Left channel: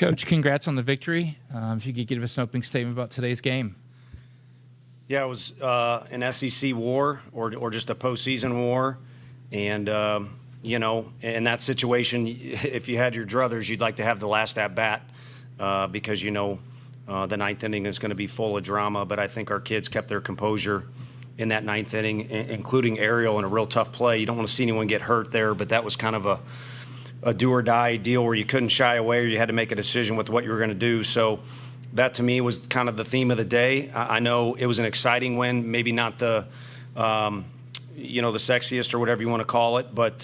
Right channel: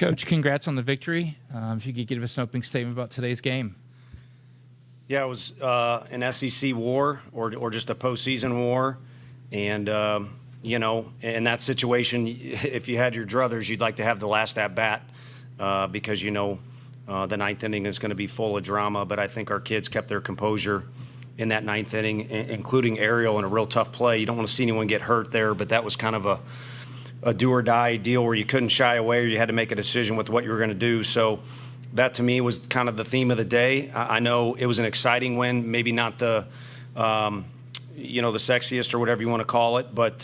Coach, congrats on the victory. If you could give us an opening statement about today's game. Yeah, it was an SEC war or just a postseason war. And, in that situation, if you had your druthers, you'd like to have the last at-bat because, the ninth inning is going to be full of drama. But I think our kids kept their composure in that ninth inning, including Ariel in a real tough play. You don't want to see anyone get hurt there, but that was kind of a do-or-die deal where you couldn't shy away or you had to make a decision with what you were going to do. So that, to me, was kind of the theme of the day. I know it was an exciting win, maybe not the sexiest or whatever you want to call it, but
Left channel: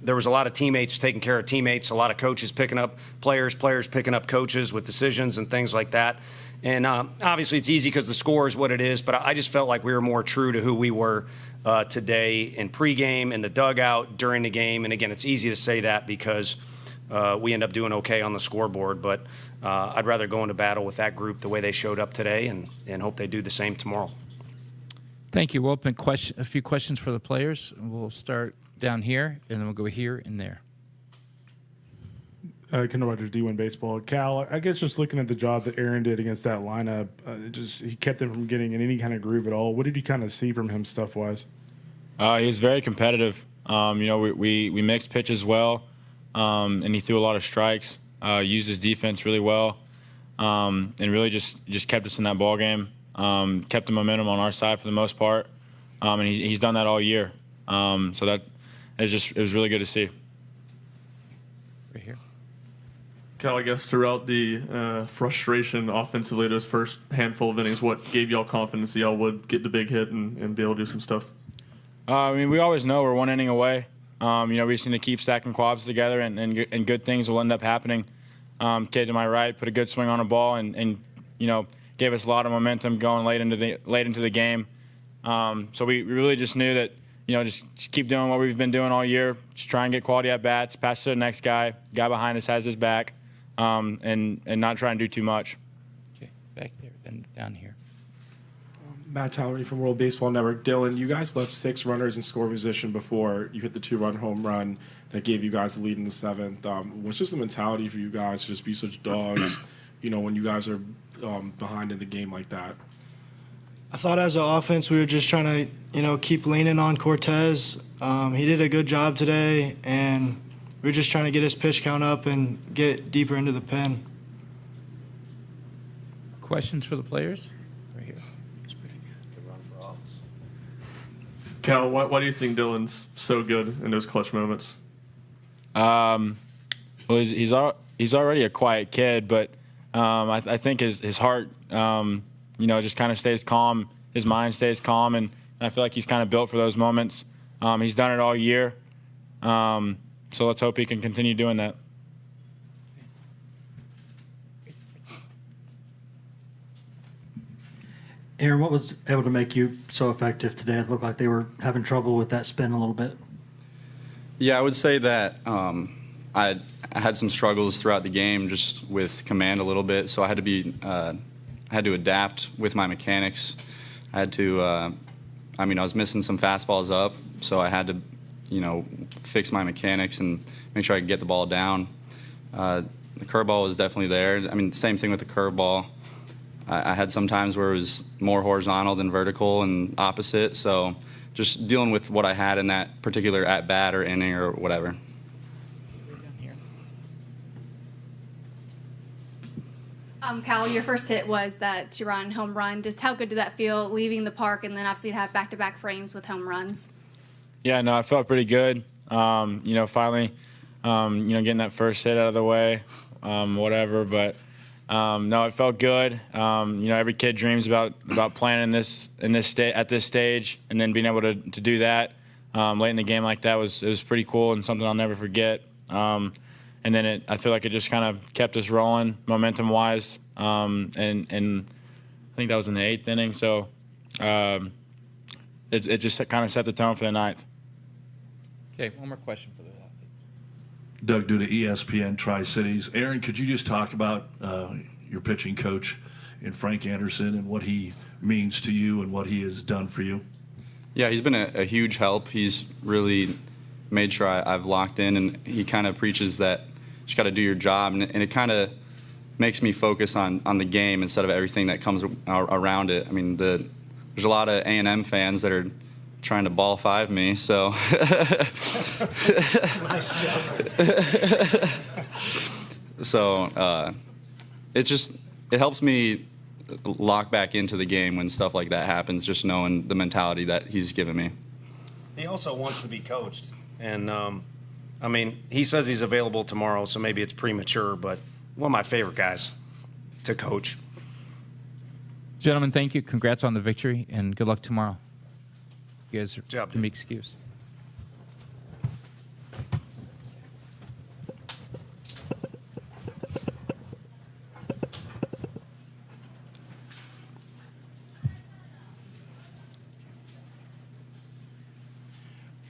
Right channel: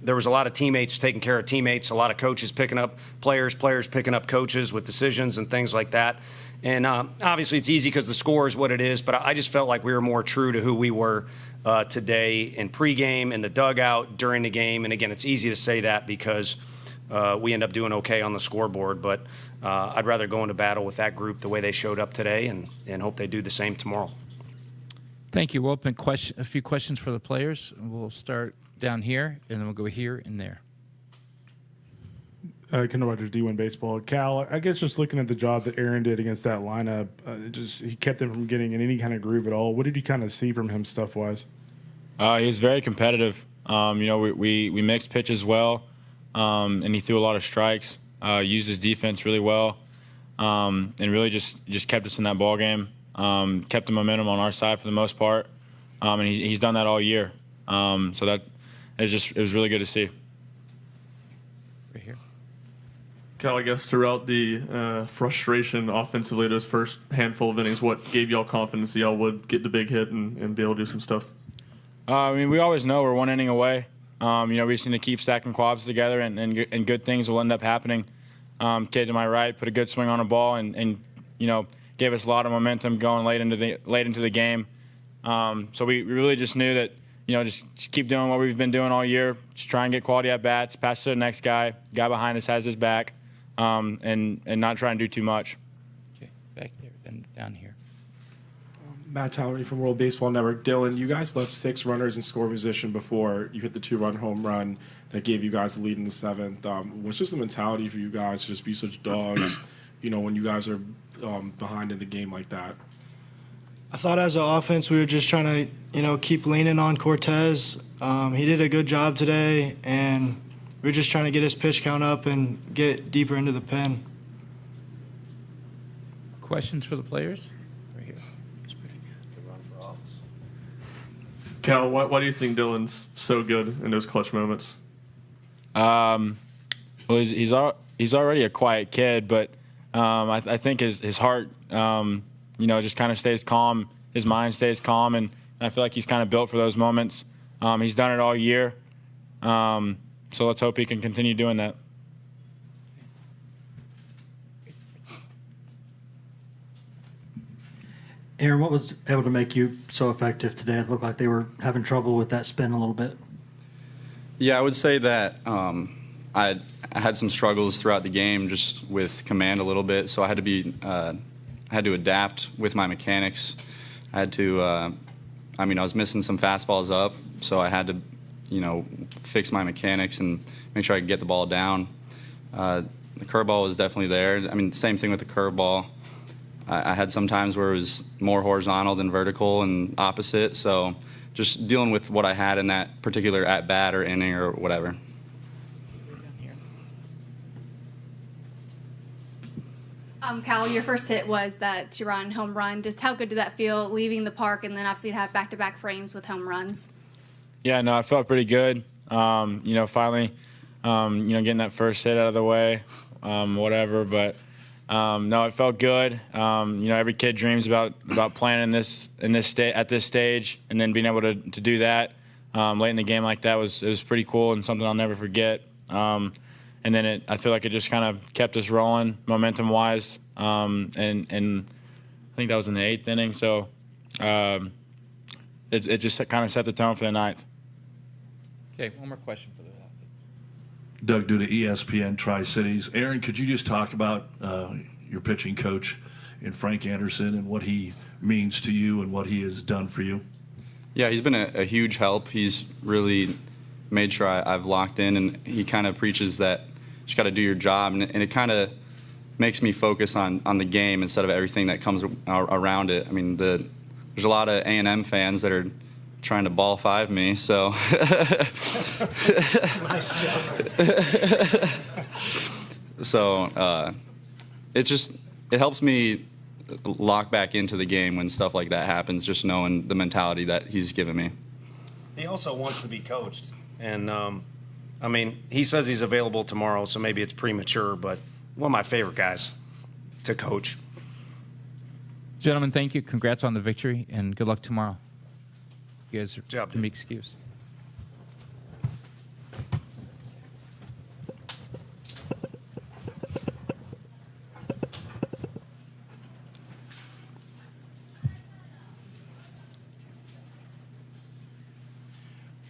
there was a lot of teammates taking care of teammates, a lot of coaches picking up players picking up coaches with decisions and things like that. And obviously it's easy because the score is what it is, but I just felt like we were more true to who we were today in pregame, in the dugout, during the game. And again, it's easy to say that because we end up doing okay on the scoreboard, but I'd rather go into battle with that group the way they showed up today and hope they do the same tomorrow. Thank you. We'll open a few questions for the players. We'll start down here, and then we'll go here and there. Kendall Rogers, D1 Baseball. Cal, I guess just looking at the job that Aaron did against that lineup, he kept them from getting in any kind of groove at all. What did you kind of see from him stuff-wise? He was very competitive. We mixed pitches well, and he threw a lot of strikes, used his defense really well, and really just kept us in that ball game. Kept the momentum on our side for the most part, and he's done that all year. So that it was really good to see. Right here. Cal, I guess throughout the frustration offensively those first handful of innings, what gave y'all confidence that y'all would get the big hit and be able to do some stuff? We always know we're one inning away. We just need to keep stacking quads together, and good things will end up happening. Kid to my right put a good swing on a ball, and gave us a lot of momentum going late into the game. So we really just knew that, just keep doing what we've been doing all year. Just try and get quality at bats, pass to the next guy. Guy behind us has his back, and not try and do too much. Okay, back there, then down here. Matt Towery from World Baseball Network. Dylan, you guys left 6 runners in score position before you hit the 2-run home run that gave you guys the lead in the 7th. What's just the mentality for you guys to just be such dogs, when you guys are behind in the game like that? I thought as an offense we were just trying to, keep leaning on Cortez. He did a good job today, and we were just trying to get his pitch count up and get deeper into the pen. Questions for the players? Right here. Cal, why do you think Dylan's so good in those clutch moments? Well, he's already a quiet kid, but I think his heart, just kind of stays calm. His mind stays calm, and I feel like he's kind of built for those moments. He's done it all year, so let's hope he can continue doing that. Aaron, what was able to make you so effective today? It looked like they were having trouble with that spin a little bit. Yeah, I would say that I had some struggles throughout the game just with command a little bit, so I had to adapt with my mechanics. I had to, I was missing some fastballs up, so I had to, fix my mechanics and make sure I could get the ball down. The curveball was definitely there. Same thing with the curveball. I had some times where it was more horizontal than vertical and opposite, so just dealing with what I had in that particular at-bat or inning or whatever. Cal, your first hit was that 2-run home run. Just how good did that feel leaving the park and then obviously have back-to-back frames with home runs? Yeah, no, I felt pretty good. Finally, getting that first hit out of the way, whatever. But no, it felt good. Every kid dreams about playing at this stage, and then being able to do that late in the game like that was pretty cool and something I'll never forget. And then I feel like it just kind of kept us rolling momentum-wise, and I think that was in the 8th inning. So it just kind of set the tone for the 9th. Okay, one more question for the Doug Duda, ESPN Tri-Cities. Aaron, could you just talk about your pitching coach in Frank Anderson and what he means to you and what he has done for you? Yeah, he's been a huge help. He's really made sure I've locked in, and he kind of preaches that you just got to do your job, and it kind of makes me focus on the game instead of everything that comes around it. I mean, there's a lot of A&M fans that are trying to ball five me, so so it helps me lock back into the game when stuff like that happens, just knowing the mentality that he's given me. He also wants to be coached, and I mean, he says he's available tomorrow, so maybe it's premature, but one of my favorite guys to coach. Gentlemen, thank you. Congrats on the victory, and good luck tomorrow. You guys can be excused.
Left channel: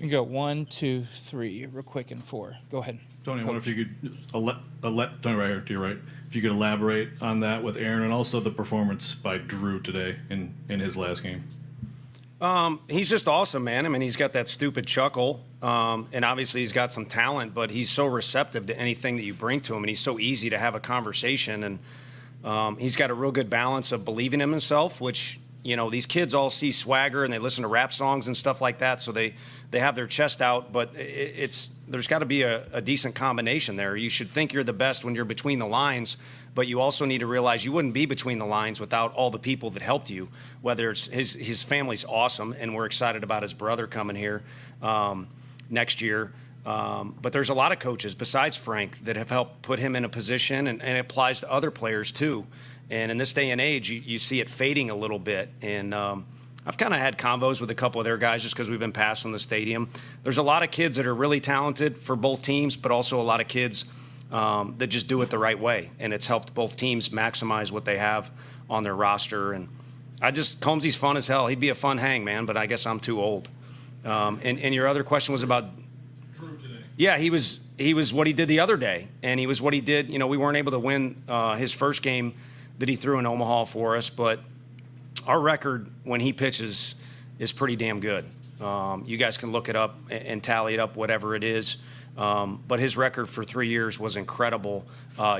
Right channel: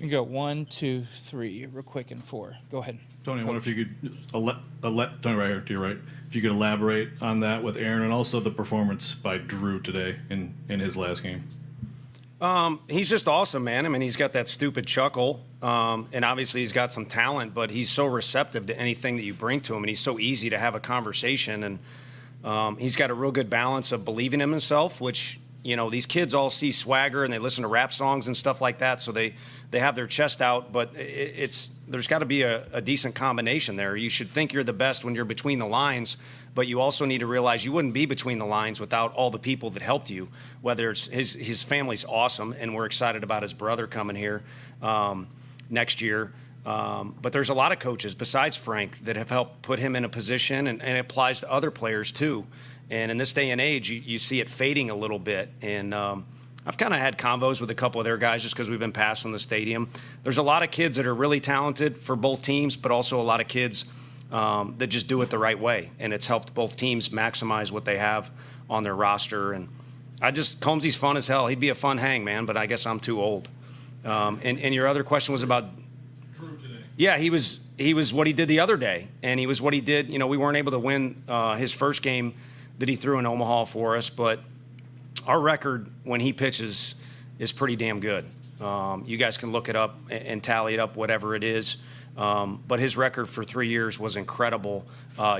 You go 1, 2, 3, real quick, and 4. Go ahead. Tony, I wonder if you could, Tony, right here to your right, if you could elaborate on that with Aaron and also the performance by Drew today in his last game. He's just awesome, man. I mean, he's got that stupid chuckle, and obviously he's got some talent, but he's so receptive to anything that you bring to him, and he's so easy to have a conversation, and he's got a real good balance of believing in himself, which, you know, these kids all see swagger and they listen to rap songs and stuff like that, so they have their chest out, but there's got to be a decent combination there. You should think you're the best when you're between the lines, but you also need to realize you wouldn't be between the lines without all the people that helped you, whether it's his family's awesome, and we're excited about his brother coming here next year. But there's a lot of coaches besides Frank that have helped put him in a position, and it applies to other players too. And in this day and age, you see it fading a little bit. And I've kind of had convos with a couple of their guys just because we've been passing the stadium. There's a lot of kids that are really talented for both teams, but also a lot of kids that just do it the right way. And it's helped both teams maximize what they have on their roster. And Combsy's fun as hell. He'd be a fun hang, man, but I guess I'm too old. And your other question was about Drew today. Yeah, he was what he did the other day, and he was what he did. You know, we weren't able to win his first game that he threw in Omaha for us, but our record when he pitches is pretty damn good. You guys can look it up and tally it up, whatever it is. But his record for 3 years was incredible,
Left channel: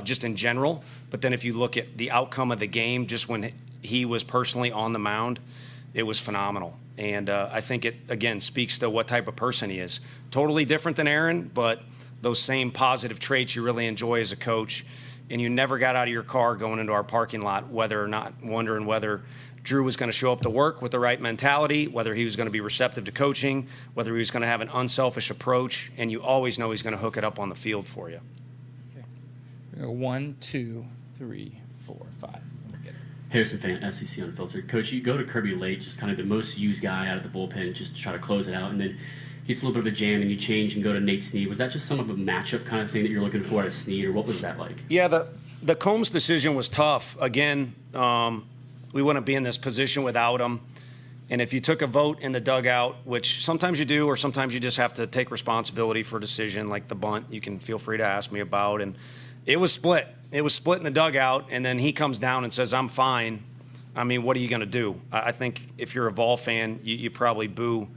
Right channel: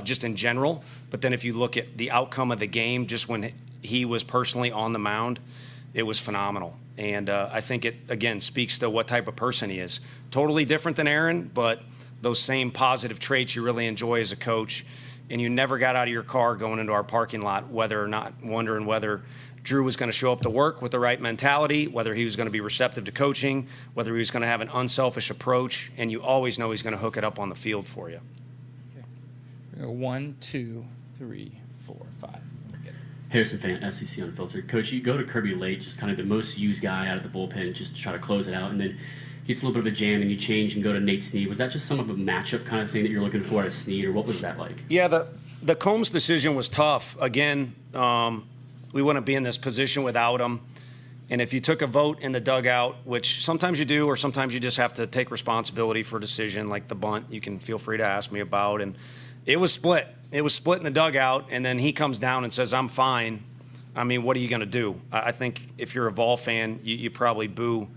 just in general. But then if you look at the outcome of the game, just when he was personally on the mound, it was phenomenal. And I think it, again, speaks to what type of person he is. Totally different than Aaron, but those same positive traits you really enjoy as a coach. And you never got out of your car going into our parking lot, wondering whether Drew was going to show up to work with the right mentality, whether he was going to be receptive to coaching, whether he was going to have an unselfish approach, and you always know he's going to hook it up on the field for you. Okay. 1, 2, 3, 4, 5. Harrison Fan, SEC Unfiltered. Coach, you go to Kirby late, just kind of the most used guy out of the bullpen, just to try to close it out, and then gets a little bit of a jam, and you change and go to Nate Snead. Was that just some of a matchup kind of thing that you're looking for at Snead, or what was that like? Yeah, the Combs decision was tough. Again, we wouldn't be in this position without him. And if you took a vote in the dugout, which sometimes you do, or sometimes you just have to take responsibility for a decision like the bunt, you can feel free to ask me about. And it was split. It was split in the dugout, and then he comes down and says, I'm fine. I mean, what are you going to do? I think if you're a Vol fan, you probably boo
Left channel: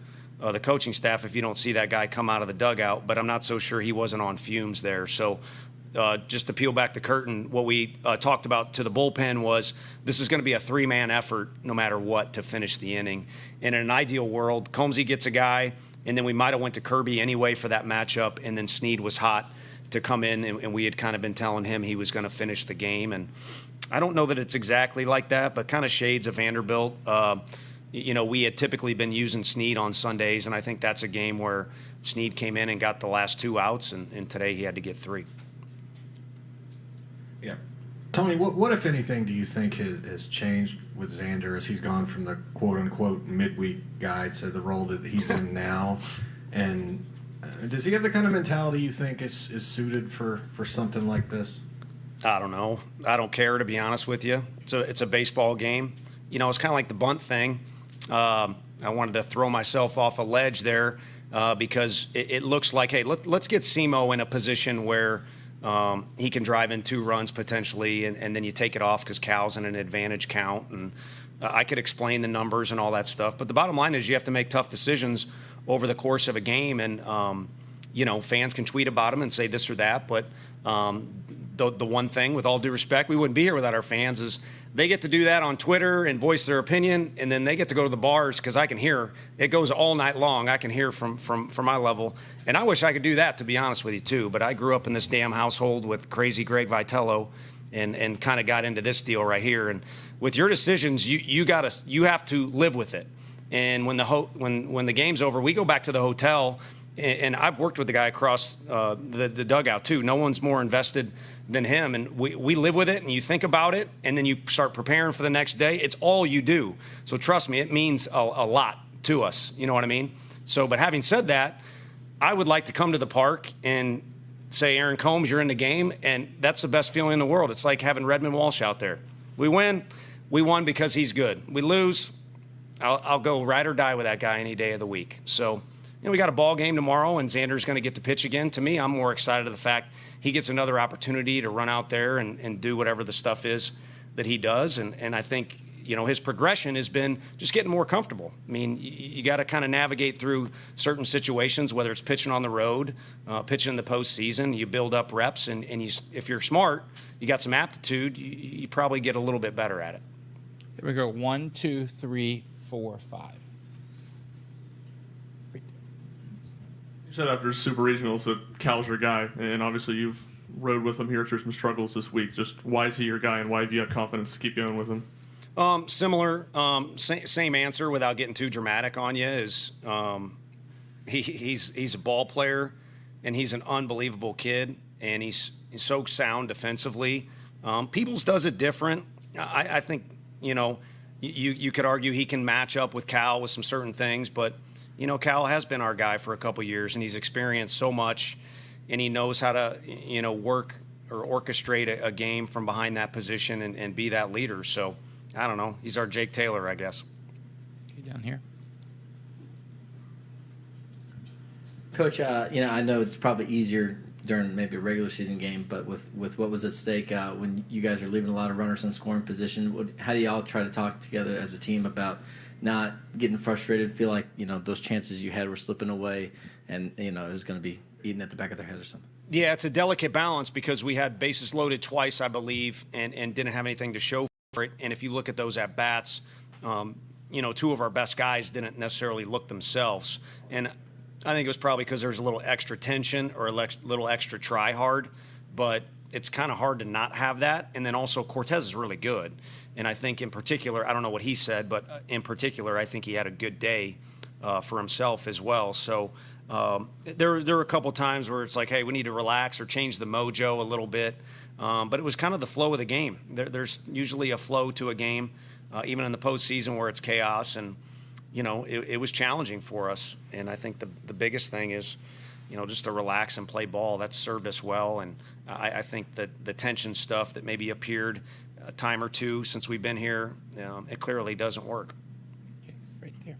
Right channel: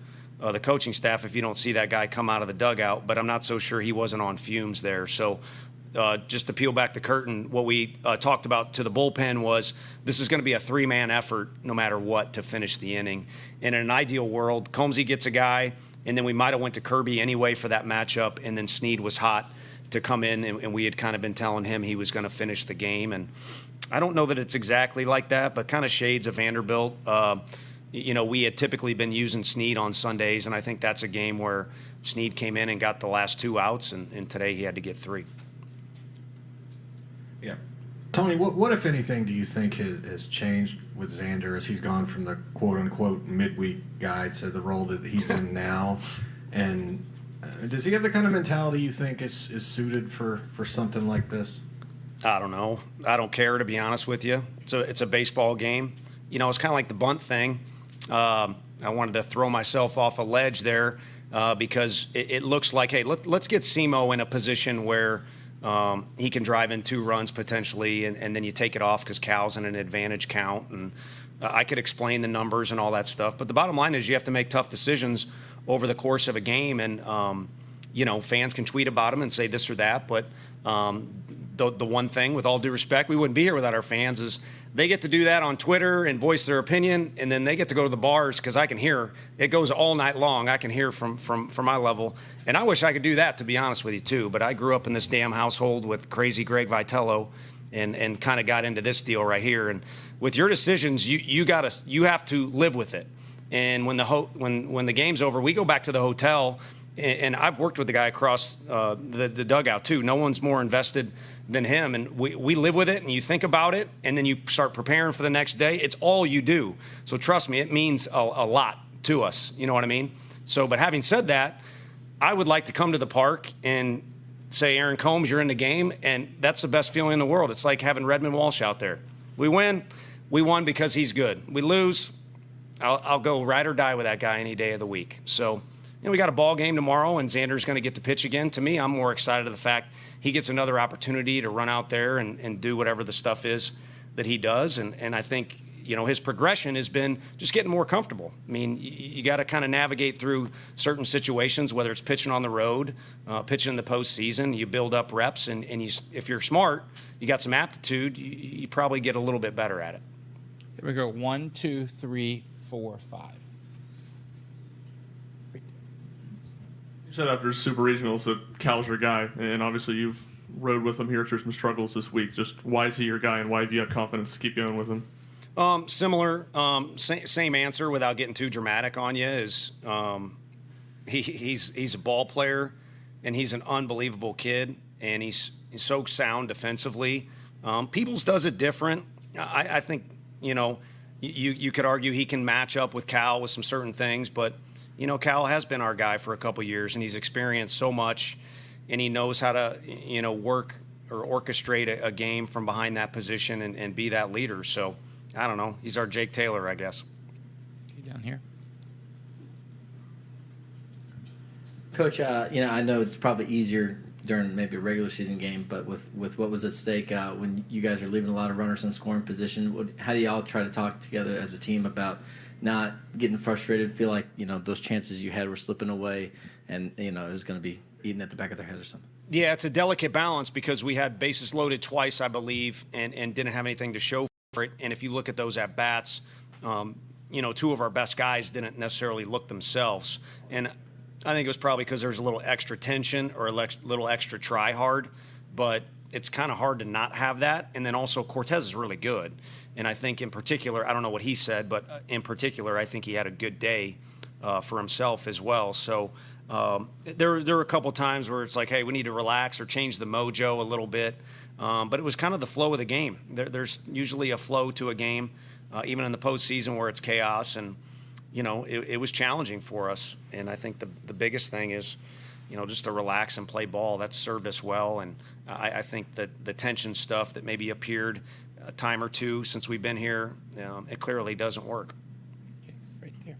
the coaching staff if you don't see that guy come out of the dugout, but I'm not so sure he wasn't on fumes there. So just to peel back the curtain, what we talked about to the bullpen was this is going to be a three-man effort no matter what to finish the inning. And in an ideal world, Combsy gets a guy, and then we might have went to Kirby anyway for that matchup, and then Snead was hot to come in, and we had kind of been telling him he was going to finish the game. And I don't know that it's exactly like that, but kind of shades of Vanderbilt. You know, we had typically been using Snead on Sundays, and I think that's a game where Snead came in and got the last 2 outs, and today he had to get 3. Yeah. Tony, what if anything, do you think has changed with Xander as he's gone from the quote-unquote midweek guy to the role that he's in now? And does he have the kind of mentality you think is suited for something like this? I don't know. I don't care, to be honest with you. It's a baseball game. You know, it's kind of like the bunt thing. I wanted to throw myself off a ledge there because it looks like, hey, let's get Simo in a position where he can drive in 2 runs potentially, and then you take it off because Cal's in an advantage count. And I could explain the numbers and all that stuff. But the bottom line is you have to make tough decisions over the course of a game. And, you know, fans can tweet about them and say this or that. But The one thing, with all due respect, we wouldn't be here without our fans, is they get to do that on Twitter and voice their opinion, and then they get to go to the bars because I can hear. It goes all night long. I can hear from my level. And I wish I could do that, to be honest with you, too. But I grew up in this damn household with crazy Greg Vitello and kind of got into this deal right here. And with your decisions, you have to live with it. And when the game's over, we go back to the hotel, and I've worked with the guy across the dugout, too. No one's more invested than him, and we live with it, and you think about it, and then you start preparing for the next day. It's all you do. So trust me, it means a lot to us. You know what I mean? So, but having said that, I would like to come to the park and say, Aaron Combs, you're in the game, and that's the best feeling in the world. It's like having Redmond Walsh out there. We win. We won because he's good. We lose. I'll go ride or die with that guy any day of the week. So, we got a ball game tomorrow, and Xander's going to get to pitch again. To me, I'm more excited of the fact he gets another opportunity to run out there and do whatever the stuff is that he does. And I think, his progression has been just getting more comfortable. I mean, you got to kind of navigate through certain situations, whether it's pitching on the road, pitching in the postseason. You build up reps, and if you're smart, you got some aptitude, you probably get a little bit better at it. Here we go. 1, 2, 3, 4, 5. You said after Super Regionals that Cal's your guy, and obviously you've rode with him here through some struggles this week. Just why is he your guy, and why have you had confidence to keep going with him? Similar, same answer without getting too dramatic on you is he's a ball player, and he's an unbelievable kid, and he's so sound defensively. Peoples does it different. I think, you could argue he can match up with Cal with some certain things, but Cal has been our guy for a couple years, and he's experienced so much, and he knows how to, work or orchestrate a game from behind that position and be that leader. So, I don't know. He's our Jake Taylor, I guess. Okay, down here. Coach, I know it's probably easier during maybe a regular season game, but with what was at stake, when you guys are leaving a lot of runners in scoring position, how do y'all try to talk together as a team about not getting frustrated, feel like, those chances you had were slipping away and, it was going to be eating at the back of their head or something? Yeah, it's a delicate balance because we had bases loaded twice, I believe, and didn't have anything to show for it. And if you look at those at-bats, two of our best guys didn't necessarily look themselves. And I think it was probably because there's a little extra tension or a little extra try hard, but it's kind of hard to not have that. And then also Cortez is really good. And I think in particular, I don't know what he said, but in particular, I think he had a good day for himself as well. So there were a couple times where it's like, hey, we need to relax or change the mojo a little bit. But it was kind of the flow of the game. There's usually a flow to a game, even in the postseason where it's chaos. And, it was challenging for us. And I think the biggest thing is, just to relax and play ball. That's served us well. And I think that the tension stuff that maybe appeared a time or two since we've been here, it clearly doesn't work. Okay, right there.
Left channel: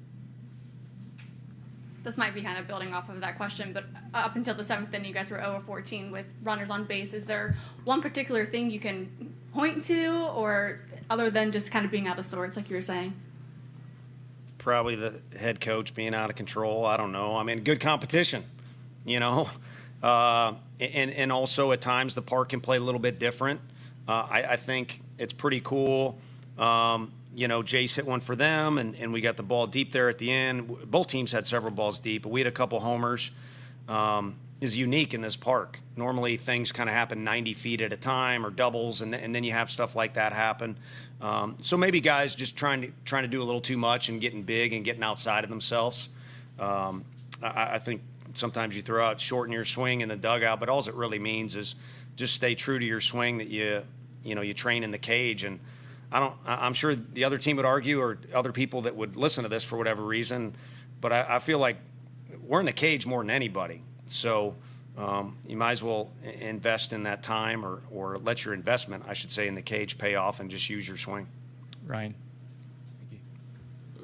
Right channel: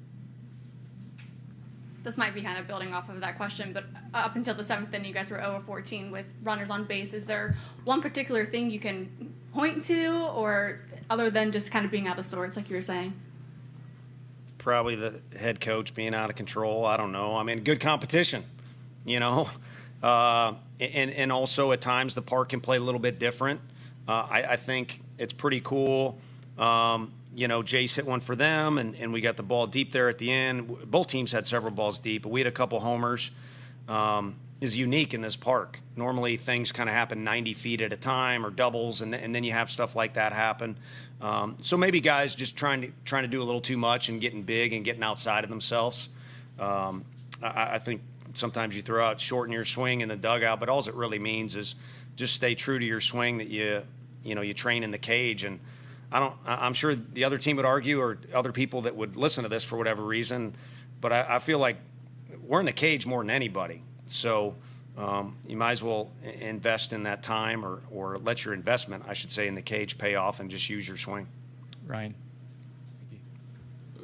This might be kind of building off of that question, but up until the 7th inning, you guys were 0-14 with runners on base. Is there one particular thing you can point to, or other than just kind of being out of sorts, like you were saying? Probably the head coach being out of control. I don't know. I mean, good competition, and also at times the park can play a little bit different. I think it's pretty cool. Jace hit one for them, and we got the ball deep there at the end. Both teams had several balls deep, but we had a couple homers. Is unique in this park. Normally things kind of happen 90 feet at a time or doubles, and then you have stuff like that happen. So maybe guys just trying to do a little too much and getting big and getting outside of themselves. I think sometimes you throw out shorten your swing in the dugout, but all it really means is just stay true to your swing that you train in the cage. And I'm sure the other team would argue, or other people that would listen to this for whatever reason, but I feel like we're in the cage more than anybody. So you might as well invest in that time, or let your investment, I should say, in the cage pay off and just use your swing. Ryan.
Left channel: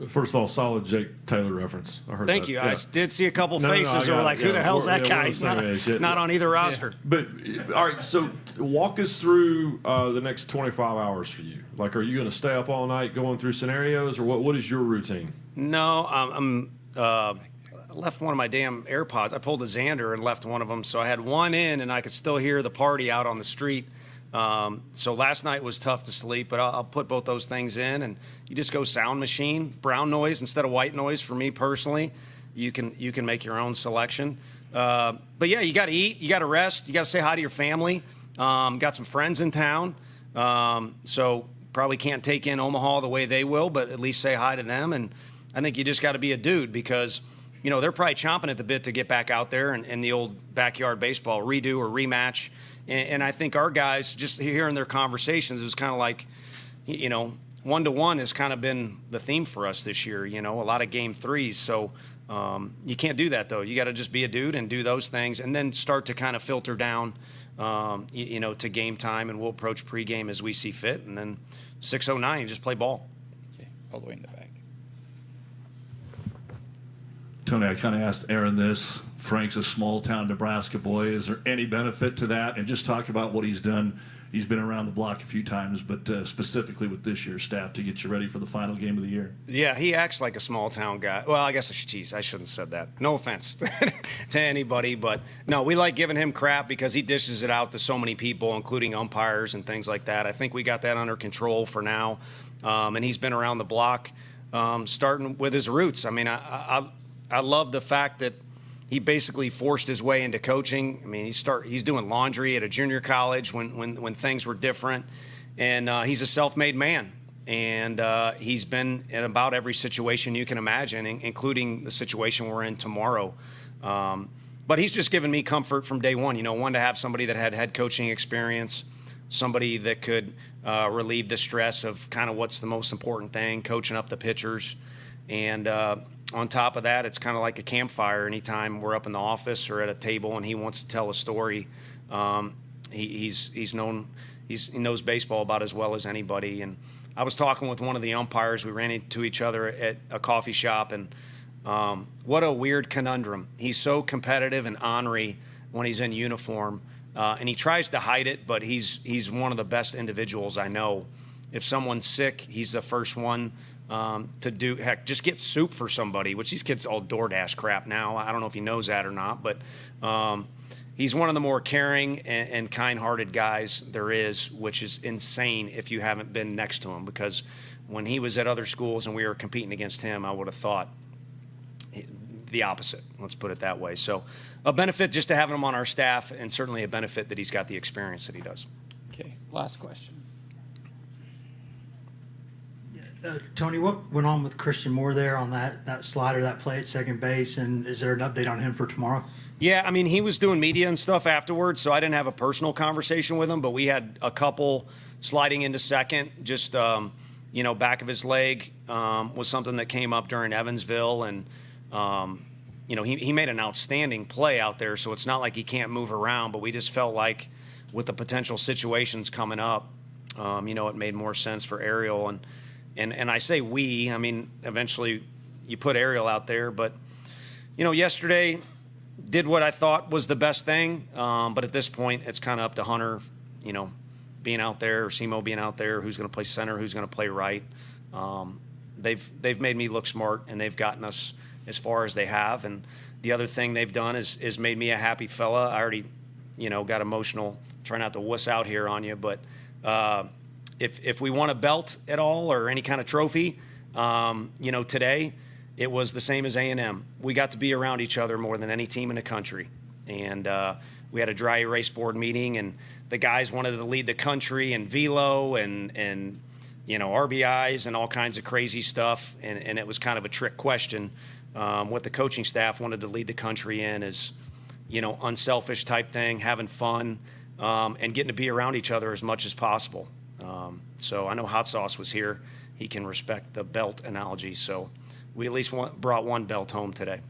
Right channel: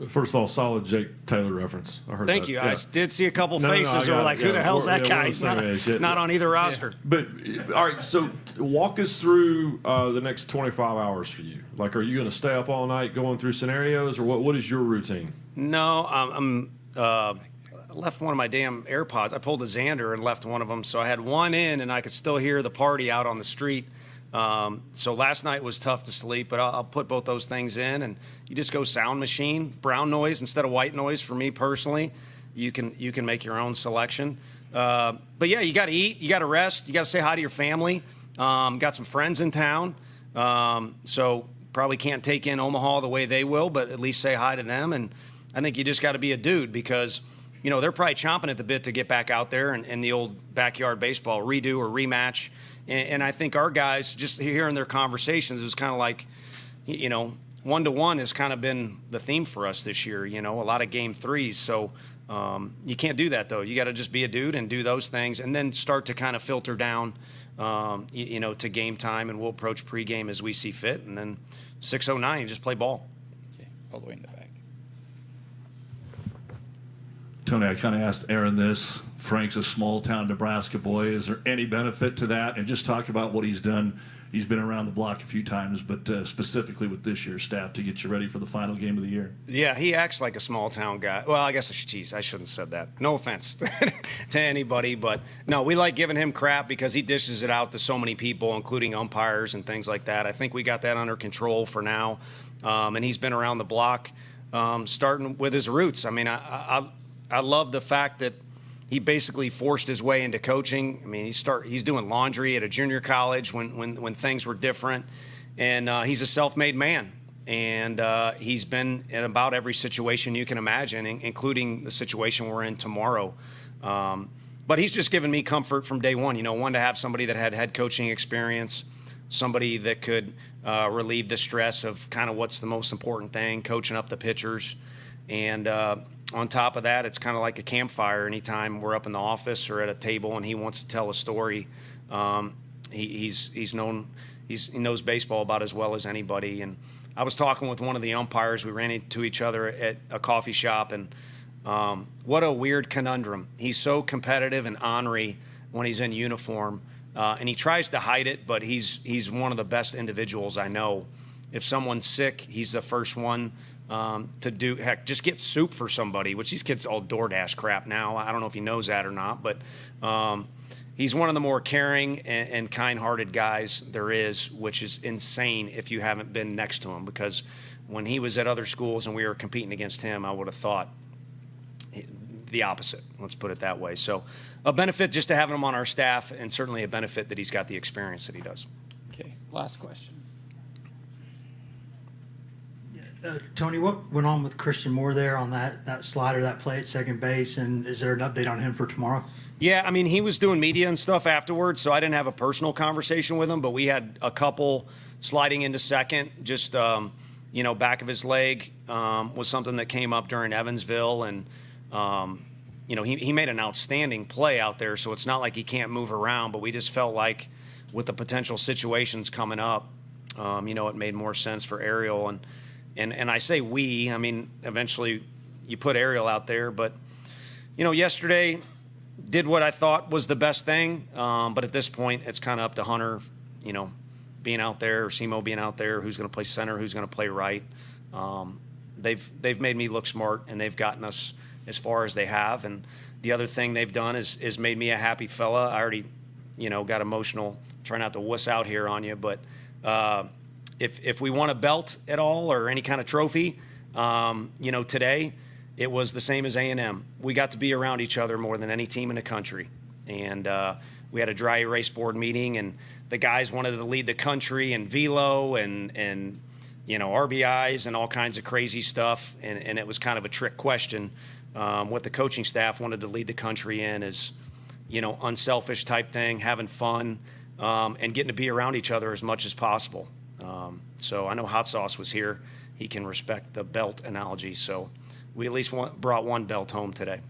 First of all, solid Jake Taylor reference. I heard Thank that. you. Yeah. I did see a couple faces that were like, who the hell's that guy? He's not on either roster. But, all right, so walk us through the next 25 hours for you. Like, are you going to stay up all night going through scenarios, or what is your routine? No, I'm left one of my damn AirPods. I pulled a Xander and left one of them, so I had one in, and I could still hear the party out on the street. So last night was tough to sleep, but I'll put both those things in, and you just go sound machine, brown noise instead of white noise. For me personally, you can make your own selection. But yeah, you got to eat, you got to rest, you got to say hi to your family. Got some friends in town, so probably can't take in Omaha the way they will, but at least say hi to them. And I think you just got to be a dude because, you know, they're probably chomping at the bit to get back out there and the old backyard baseball redo or rematch. And I think our guys, just hearing their conversations, is kind of like, you know, 1-to-1 has kind of been the theme for us this year, you know, a lot of game threes. So you can't do that, though. You got to just be a dude and do those things and then start to kind of filter down, you know, to game time. And we'll approach pregame as we see fit. And then 6:09, you just play ball. Okay, all the way in the back. Tony, I kind of asked Aaron this. Frank's a small-town Nebraska boy. Is there any benefit to that? And just talk about what he's done. He's been around the block a few times, but specifically with this year's staff to get you ready for the final game of the year. Yeah, he acts like a small-town guy. Well, I guess, I shouldn't have said that. No offense to anybody, but no, we like giving him crap because he dishes it out to so many people, including umpires and things like that. I think we got that under control for now, and he's been around the block starting with his roots. I mean, I love the fact that he basically forced his way into coaching. I mean, he's doing laundry at a junior college when things were different, and he's a self-made man. And he's been in about every situation you can imagine, including the situation we're in tomorrow. But he's just given me comfort from day one. You know, one, to have somebody that had head coaching experience, somebody that could relieve the stress of kind of what's the most important thing, coaching up the pitchers. And on top of that, it's kind of like a campfire. Anytime we're up in the office or at a table and he wants to tell a story, he knows baseball about as well as anybody. And I was talking with one of the umpires. We ran into each other at a coffee shop, and what a weird conundrum. He's so competitive and ornery when he's in uniform, and he tries to hide it, but he's one of the best individuals I know. If someone's sick, he's the first one to do, heck, just get soup for somebody, which these kids all DoorDash crap now. I don't know if he knows that or not, but he's one of the more caring and kind-hearted guys there is, which is insane if you haven't been next to him, because when he was at other schools and we were competing against him, I would have thought the opposite. Let's put it that way. So a benefit just to having him on our staff, and certainly a benefit that he's got the experience that he does. Okay, last question. Tony, what went on with Christian Moore there on that slider, that play at second base, and is there an update on him for tomorrow? Yeah, I mean, he was doing media and stuff afterwards, so I didn't have a personal conversation with him, but we had a couple sliding into second, just, you know, back of his leg was something that came up during Evansville, and, you know, he made an outstanding play out there, so it's not like he can't move around, but we just felt like with the potential situations coming up, you know, it made more sense for Ariel. And I say we, I mean, eventually you put Ariel out there. But, you know, yesterday did what I thought was the best thing. But at this point, it's kind of up to Hunter, you know, being out there, or Simo being out there, who's going to play center, who's going to play right. They've made me look smart, and they've gotten us as far as they have. And the other thing they've done is made me a happy fella. I already, you know, got emotional. Try not to wuss out here on you, but if we won a belt at all or any kind of trophy, you know, today it was the same as A&M. We got to be around each other more than any team in the country. And we had a dry erase board meeting, and the guys wanted to lead the country in velo and you know, RBIs and all kinds of crazy stuff. And it was kind of a trick question. What the coaching staff wanted to lead the country in is, you know, unselfish type thing, having fun, and getting to be around each other as much as possible. So I know Hot Sauce was here. He can respect the belt analogy. So we at least brought one belt home today.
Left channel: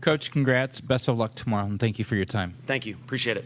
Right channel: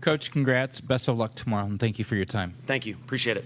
Coach, congrats. Best of luck tomorrow, and thank you for your time. Thank you. Appreciate it.